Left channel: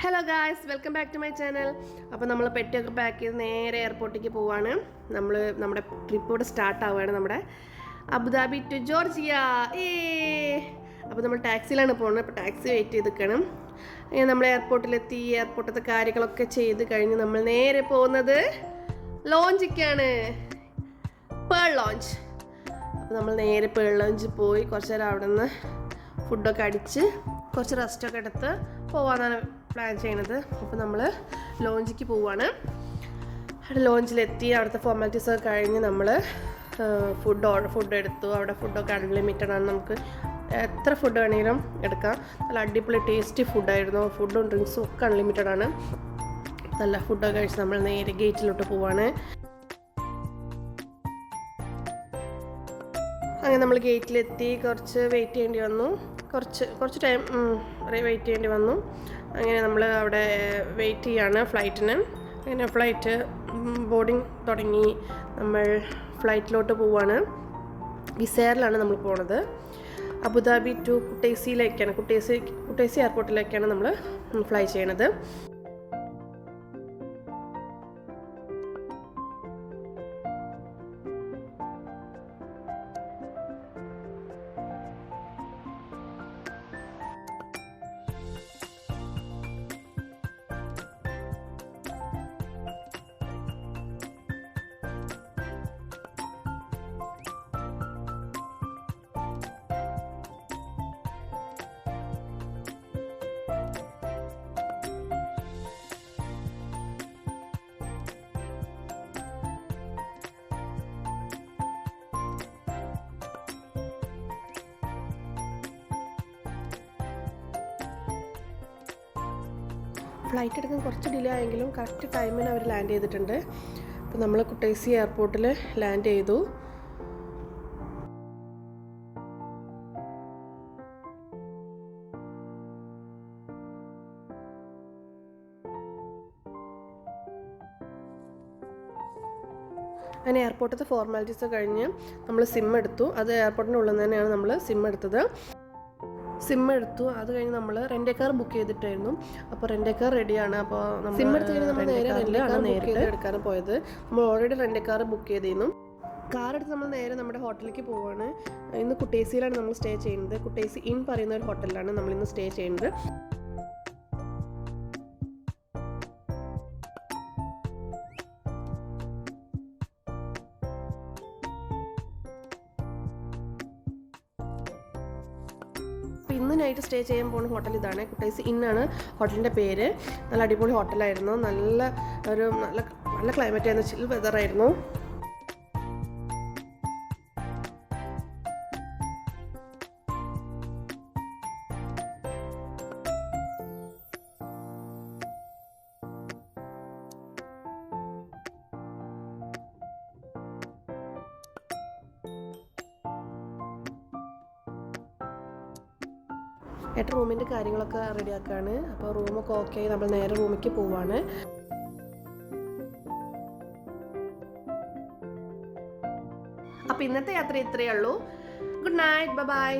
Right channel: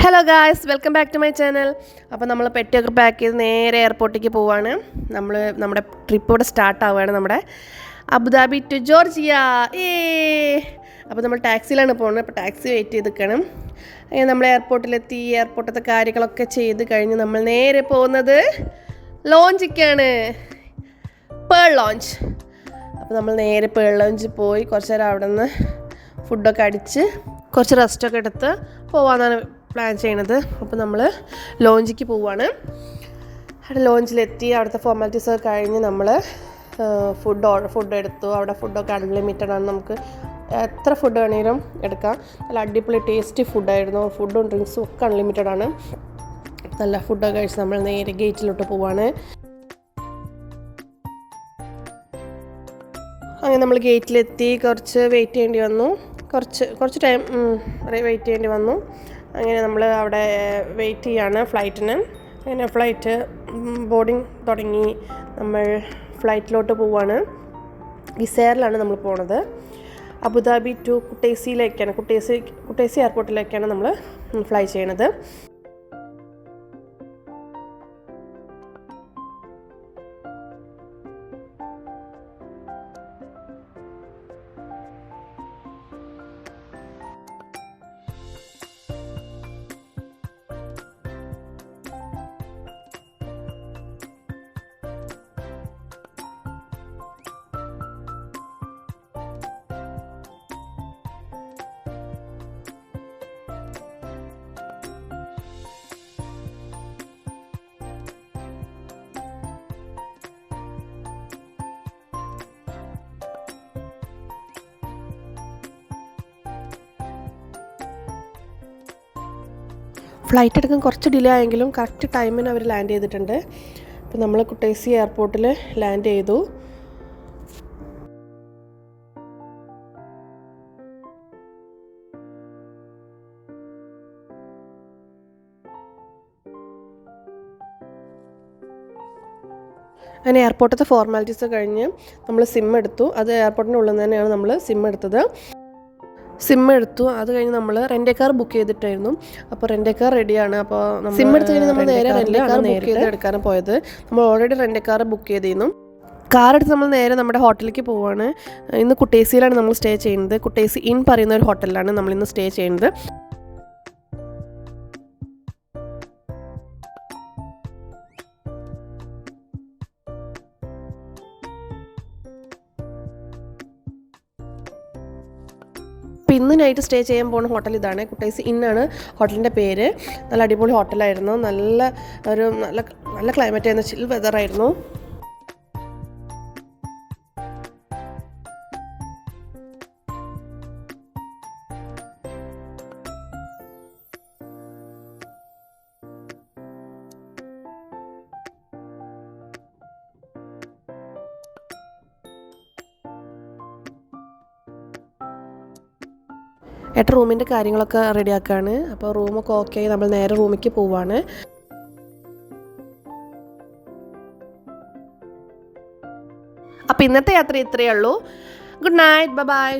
Hello guys, welcome back to my channel. അപ്പോൾ നമ്മൾ പെട്ടിയൊക്കെ പാക്ക് ചെയ്ത് നേരെ എയർപോർട്ടിലേക്ക് പോവാണ്. നമ്മുടെ ട്രിപ്പ് ഇവിടെ സ്റ്റാർട്ട് ആവുകയാണ്, നമ്മുടെ അബുദാബി ടു ജോർജിയ. അപ്പോൾ നമ്മൾ ടാക്സിയിലാണ് പോകുന്നത്. അപ്പോൾ ടാക്സി വെയിറ്റ് ചെയ്ത് നിൽക്കണം. അങ്ങനെ നമ്മൾ എയർപോർട്ടിലെത്തി. എയർപോർട്ടത്തെ കാര്യങ്ങളൊക്കെ ചെയ്ത് കഴിഞ്ഞ് നമ്മൾ നേരെ പോകുന്നത് ലോഞ്ചിക്കാണ്, പേൾ ലോഞ്ച്. അപ്പോൾ നമ്മൾ നേരെ പേൾ ലോഞ്ചിൽ പോയി കുറച്ച് നേരം അവിടെ നിന്ന് ഫുഡൊക്കെ അടിച്ച് കുറച്ച് റെസ്റ്റൊക്കെ എടുത്ത് പോകാമെന്നാണ് പ്ലാൻ ചെയ്യണത്. അപ്പോൾ നമ്മൾ ലോഞ്ചിക്ക് പോവുകയാണ്. അവിടെ ലോഞ്ചിലെത്തി അവിടുത്തെ ഫോർമാലിറ്റീസൊക്കെ കഴിഞ്ഞ് നമ്മൾ ഫുഡ് എടുത്തു. അവിടെ ഫുഡൊക്കെ അൺലിമിറ്റഡ് ആണ്, നമുക്ക് എത്ര ഫുഡ് വേണമെങ്കിലും എടുക്കാം. നല്ല അടിപൊളി ടേസ്റ്റി ഫുഡായിരുന്നു. ഫുഡും ഡ്രിങ്ക്സും ഒക്കെ അൺലിമിറ്റഡ് ആണ്. നല്ല ഫുഡൊക്കെ കഴിച്ച് നമ്മൾ നേരെ ഗേറ്റിലോട്ട് പോവാണ്. അങ്ങനെ നമ്മൾ ഗേറ്റിലെത്തി. കുറച്ച് വെയിറ്റ് ചെയ്യേണ്ടി വന്നു, കുറച്ച് ടൈം വെയിറ്റ് ചെയ്യേണ്ടി വന്നു. അങ്ങനെ നമ്മൾ അവിടെ വെയിറ്റ് ചെയ്യാണ് ഫ്ലൈറ്റിന്. അങ്ങനെ ഫ്ലൈറ്റ് ബോർഡിങ് തുടങ്ങി. നമ്മൾ ഫ്ലൈറ്റിലോട്ട് പോവാണ്. വിസേറിലാണ് നമ്മൾ പോണത്. അബുദാബി ടു കുട്ടൈസിയിലേക്കാണ്, കുട്ടൈസി എയർപോർട്ടിലേക്കാണ് നമ്മൾ ഫ്ലൈ ചെയ്യണത്. ഫ്ലൈറ്റ് എടുക്കാൻ കുറച്ച് ഡിലേ ആയെങ്കിലും കറക്റ്റ് ടൈമിന് അവർ ലാൻഡ് ചെയ്തിട്ടുണ്ട്. അപ്പോൾ നമ്മൾ കുട്ടൈസി എയർപോർട്ടിൽ ലാൻഡ് ചെയ്തു. അങ്ങനെ എയർപോർട്ടത്തെ ഫോർമാലിറ്റീസ് കഴിഞ്ഞ് നമ്മൾ സിം എടുത്തു. അത് എയർപോർട്ടിൻ്റെ ഉള്ളിൽ തന്നെയാണ് നമ്മൾ സിം എടുത്തത്. അത് കഴിഞ്ഞ് നമ്മൾ റെൻ്റ് കാർ ബുക്ക് ചെയ്തിട്ടായിരുന്നു. അപ്പോൾ റെൻ്റ് കാർ റെഡിയാണ്. അപ്പോൾ സിം എടുത്ത് കഴിഞ്ഞ് നമ്മൾ നേരെ റെൻ്റ് കാർ ബുക്ക് ചെയ്ത് എടുക്കാനും പോയത്. നമ്മൾ ഓൾറെഡി റെൻ്റ് കാർ ബുക്ക് ചെയ്തിരുന്നു. കാർ എടുത്ത് നമ്മൾ നേരെ നമ്മുടെ ഹോട്ടലിലേക്ക് പോവുകയാണ്. ഇന്ന് കുട്ടൈസിയിലാണ് നമ്മൾ സ്റ്റേ ചെയ്യുന്നത്. കുട്ടൈസി ഇൻ പറയുന്ന ഒരു ഹോട്ടലിലാണ് നമ്മളിന്ന് സ്റ്റേ ചെയ്യുന്നത്. അപ്പോൾ ഇന്ന് നൈറ്റ് സ്റ്റേ ചെയ്യാൻ പോകുന്ന ഹോട്ടൽ ഇതാണ്, കുട്ടൈസി ഇന്നാണ് ഹോട്ടലിൻ്റെ പേര്. നല്ല അടിപൊളി ഹോട്ടലായിരുന്നു. നല്ല ക്ലൈമറ്റ് ആയിരുന്നു, ചിൽ വെതറായിരുന്നു. ഏട്ടൻ റൂമിൻ്റെ കാര്യങ്ങളൊക്കെ റെഡിയാക്കുകയാണ്. അപ്പോൾ റൂമൊക്കെ ഓക്കെ ആയി നമ്മൾ നേരെ റൂമിലേക്ക് പോവാണ്. അപ്പോൾ ഇന്നത്തെ യാത്ര ഇത്രയേ ഉള്ളൂ. Good night, by.